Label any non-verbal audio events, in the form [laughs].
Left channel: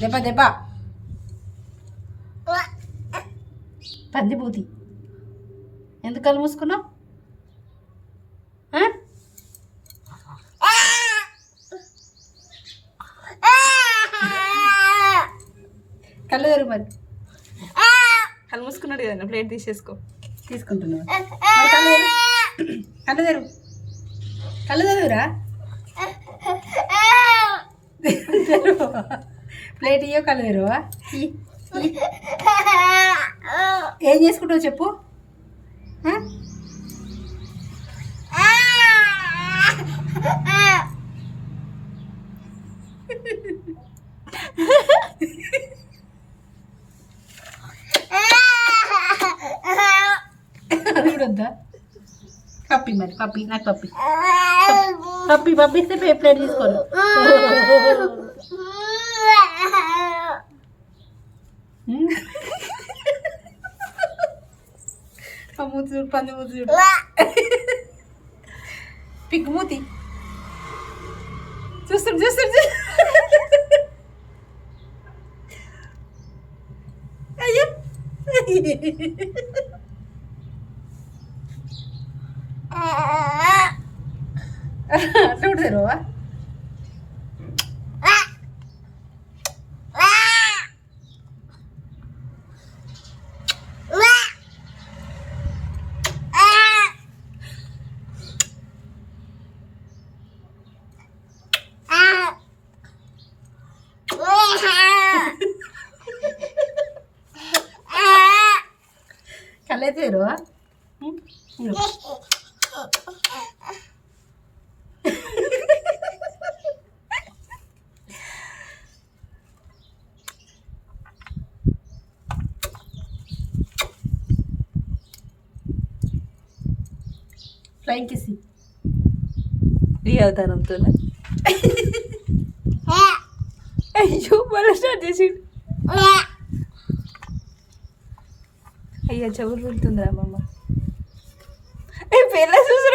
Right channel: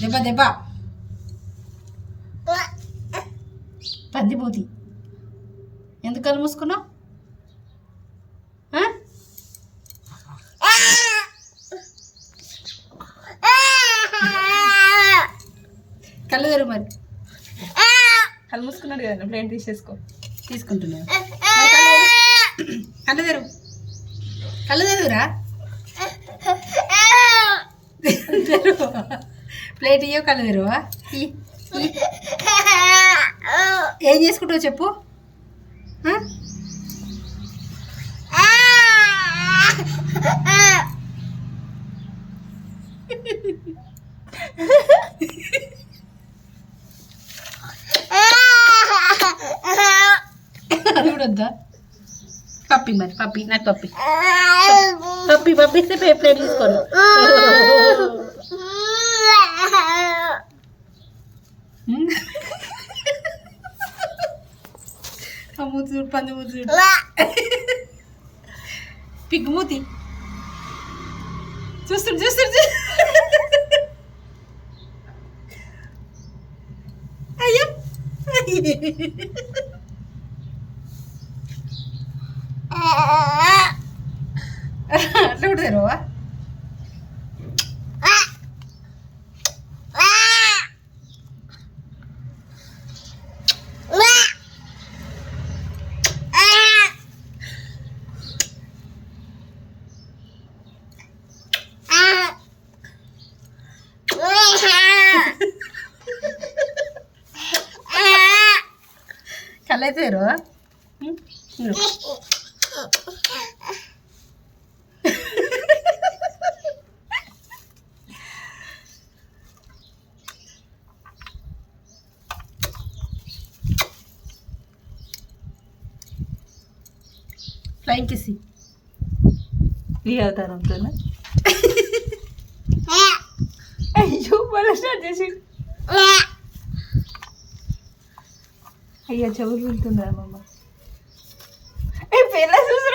దెబ్బ దెబ్బ. పందిబూతి. ఎందుకు కళ్ళు మూసుకున్నావు? కళ్ళు తెరు మరి. కళ్ళు మూసుకున్నాడు కదా ప్లేట్ తీసేసుకో? తీసుకుంటున్నావు మరి కళ్ళు తెరు కళ్ళు తెరు కళ్ళు తెరురా ప్లేట్ ఇయ్యో ఇయ్యి. ఏం చేసుకుంటావు చెప్పు? అది కూడా వద్దా? పప్పి మరి పప్పి నాకు పప్పి. పప్పి పప్పి ఇస్తే పే ప్లేట్ తీసుకోను ఆ మూతి చూడు పంది మూతి చూడు పిగ్గు మూతి చూస్తుడు చూస్తుడు చూ- అయ్యో అట్లా కూడా తెరవా కళ్ళైతే తెరవా ఉం? ఇదిగో. ఫ్లైంగ్ కిసి రియాతానంతో [laughs] అయ్యో మళ్ళీ స్టార్ట్ చేసి అయ్యా చెవులు వెళ్తుందా అమ్మమ్మ ఏ పిల్ల చూసి